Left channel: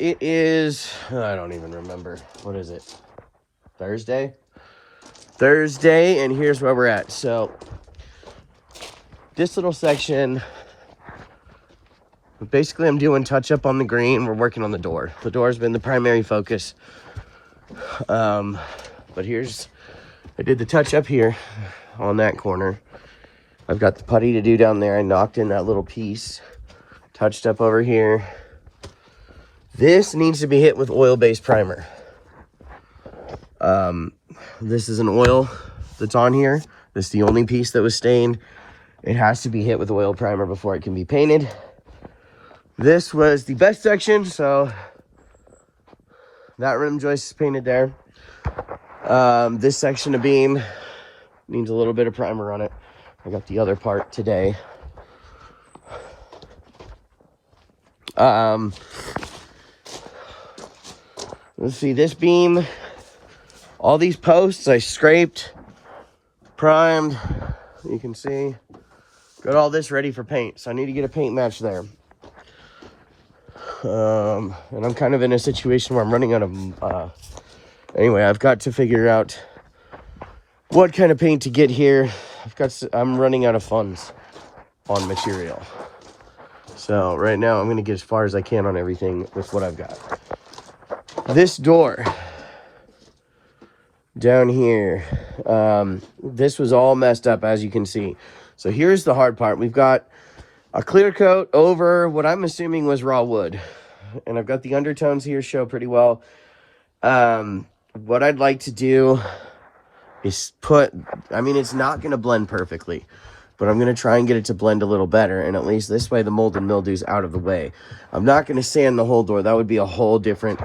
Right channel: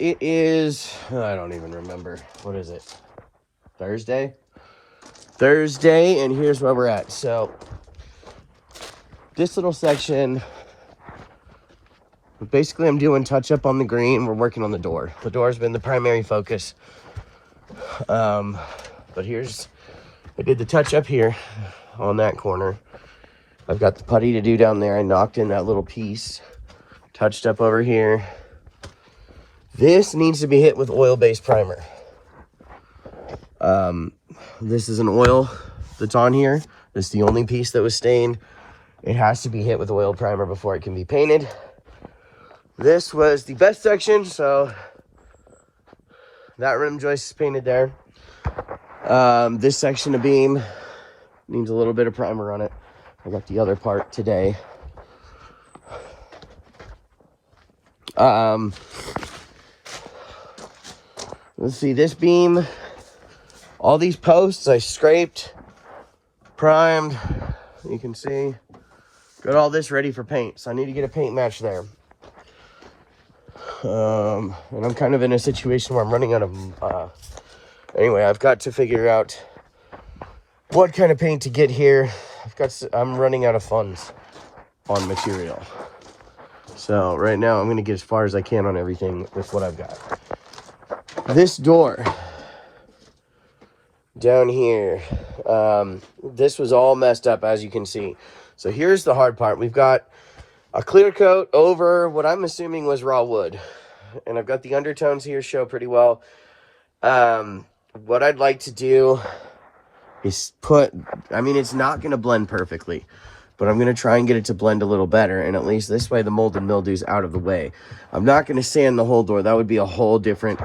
It is, I don't even remember. What is it? Thursday? Thursday, and here's where we're at. So, this little section, basically I'm doing touch up on the green. We're working on the door. The door's been the primary focus. But I did the touch up here on that corner. I've got the putty to do down there. I knocked in that little piece. Touched up over here. This needs to be hit with oil-based primer. This is an oil that's on here. This is the only piece that was stained. It has to be hit with oil primer before it can be painted. This was the best section, so that rim joist is painted there. This section of beam needs a little bit of primer on it. I got the other part today. Let's see, this beam, all these posts I scraped, primed, you can see. Got all this ready for paint, so I need to get a paint match there. And I'm kind of in a situation where I'm running out of, anyway, I've got to figure out what kind of paint to get here. I'm running out of funds on material. So right now I'm gonna get as far as I can on everything with what I've got. This door down here, this was all messed up, as you can see. So here's the hard part. We've got a clear coat over what I'm assuming was raw wood, and I've got the undertones here show pretty well. What I'd like to do is it's not going to blend perfectly, but I'm going to try and get it to blend a little better, and at least this way the mold and mildew's out of the way. I'm not going to sand the whole door. That would be a whole different,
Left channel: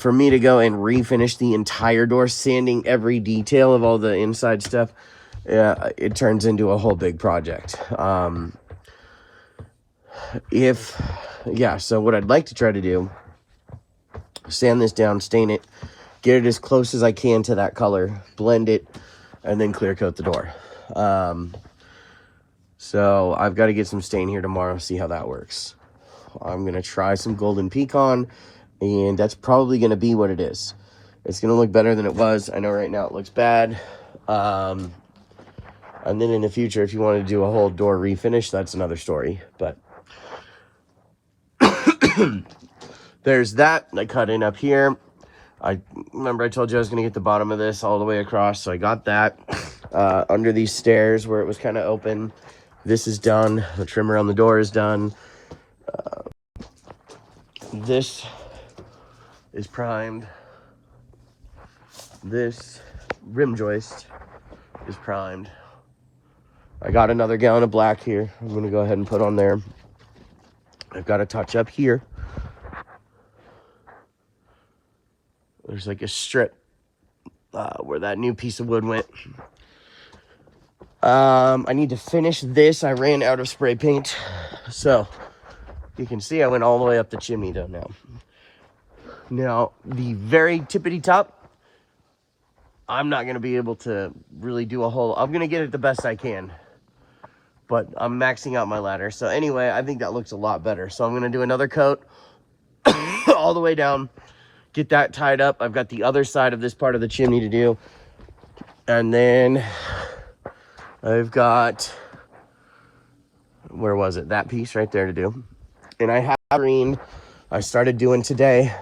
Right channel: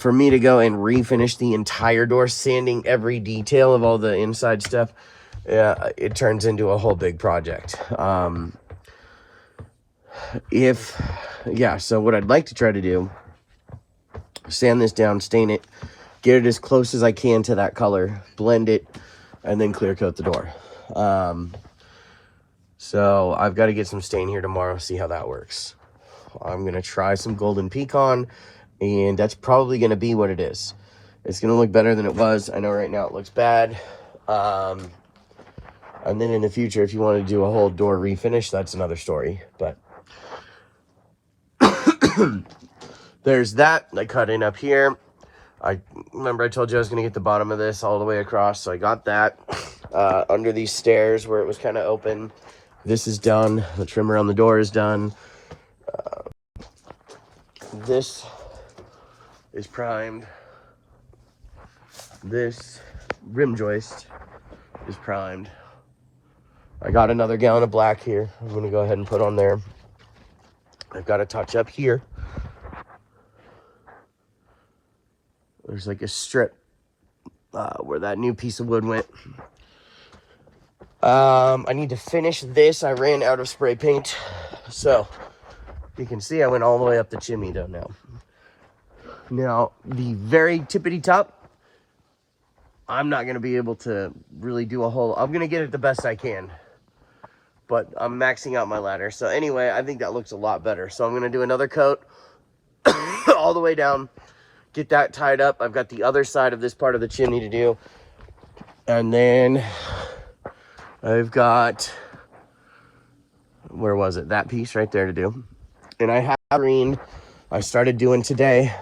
for me to go and refinish the entire door, sanding every detail of all the inside stuff, it turns into a whole big project. So what I'd like to try to do, sand this down, stain it, get it as close as I can to that color, blend it, and then clear coat the door. So I've got to get some stain here tomorrow, see how that works. I'm going to try some golden pecan, and that's probably going to be what it is. It's going to look better than it was. I know right now it looks bad. And then in the future, if you want to do a whole door refinish, that's another story. But there's that I cut in up here. I told you I was going to get the bottom of this all the way across, so I got that. Under these stairs where it was kind of open, this is done. The trim around the door is done. This is primed. This rim joist is primed. I got another gallon of black here. I'm going to go ahead and put on there. I've got a touch up here. There's like a strip where that new piece of wood went. I need to finish this. I ran out of spray paint. So you can see I went all the way up the chimney though now. Now, the very tippity top, I'm not going to be able to really do a whole... I'm going to get it the best I can. But I'm maxing out my ladder. So anyway, I think that looks a lot better. So I'm going to do another coat all the way down. Get that tied up. I've got the other side of this part of the chimney to do. And then I've got... Where was it? That piece right there to do. And I have green I started doing today.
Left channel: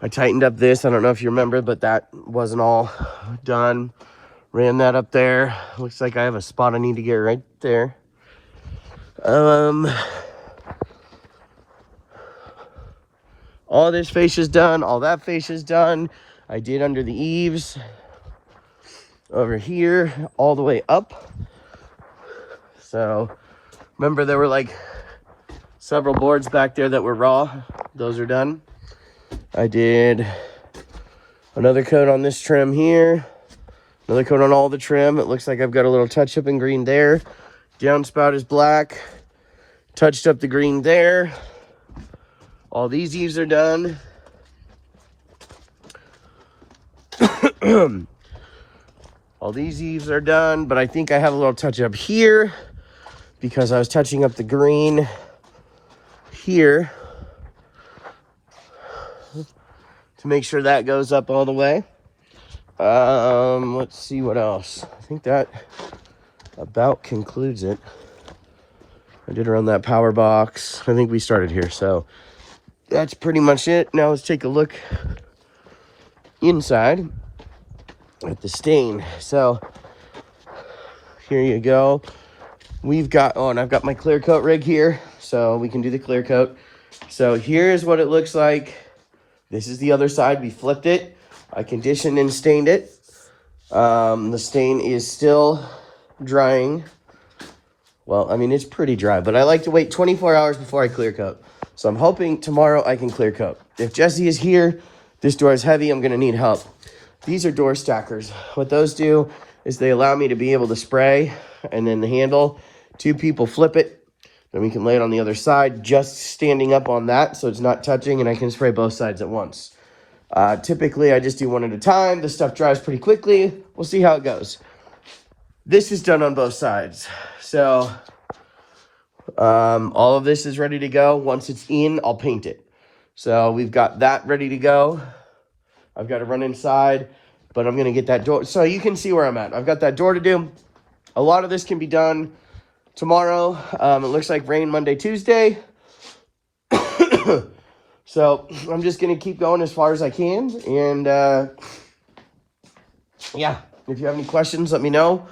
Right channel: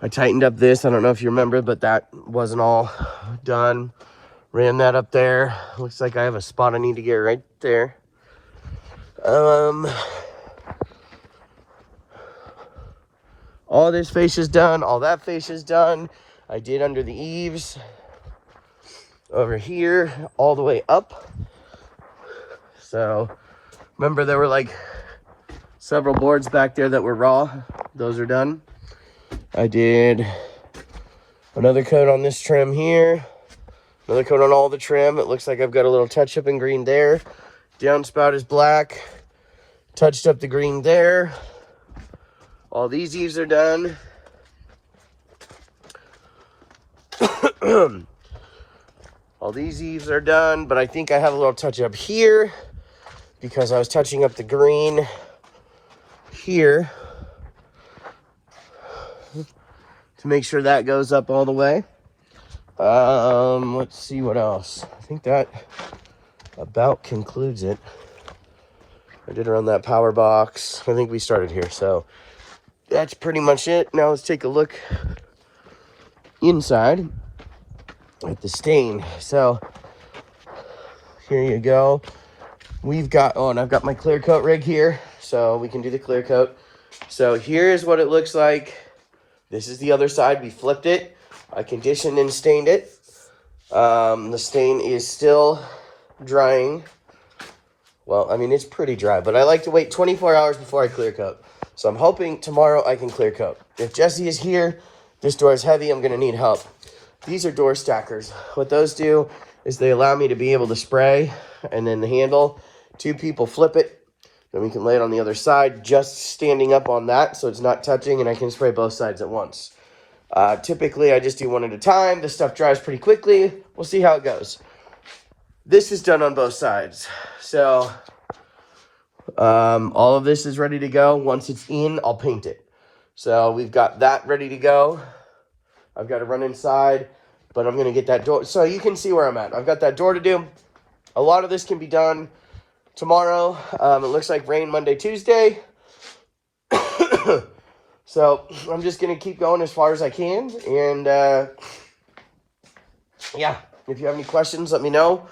I tightened up this. I don't know if you remember, but that wasn't all done. Ran that up there. Looks like I have a spot I need to get right there. All this face is done. All that face is done. I did under the eaves. Over here, all the way up. So, remember there were like several boards back there that were raw. Those are done. I did another coat on this trim here. Another coat on all the trim. It looks like I've got a little touch up in green there. Downspout is black. Touched up the green there. All these eaves are done. All these eaves are done, but I think I have a little touch up here because I was touching up the green here. to make sure that goes up all the way. Let's see what else. I think that about concludes it. I did run that power box. I think we started here, so that's pretty much it. Now let's take a look inside at the stain. So here you go. We've got, oh, and I've got my clear coat rig here, so we can do the clear coat. So here's what it looks like. This is the other side. We flipped it. I conditioned and stained it. The stain is still drying. Well, I mean, it's pretty dry, but I like to wait 24 hours before I clear coat. So I'm hoping tomorrow I can clear coat. If Jesse is here, this door is heavy, I'm gonna need help. These are door stackers. What those do is they allow me to be able to spray, and then the handle, 2 people flip it, then we can lay it on the other side, just standing up on that so it's not touching, and I can spray both sides at once. Typically, I just do one at a time. The stuff dries pretty quickly. We'll see how it goes. This is done on both sides. So, all of this is ready to go. Once it's in, I'll paint it. So we've got that ready to go. I've got to run inside, but I'm going to get that door. So you can see where I'm at. I've got that door to do. A lot of this can be done tomorrow. It looks like rain Monday, Tuesday. So I'm just going to keep going as far as I can. And yeah, if you have any questions, let me know.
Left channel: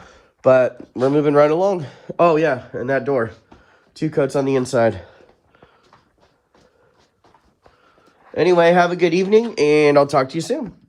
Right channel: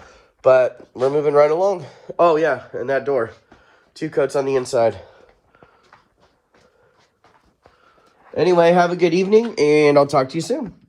But we're moving right along. Oh yeah, and that door. 2 coats on the inside. Anyway, have a good evening, and I'll talk to you soon.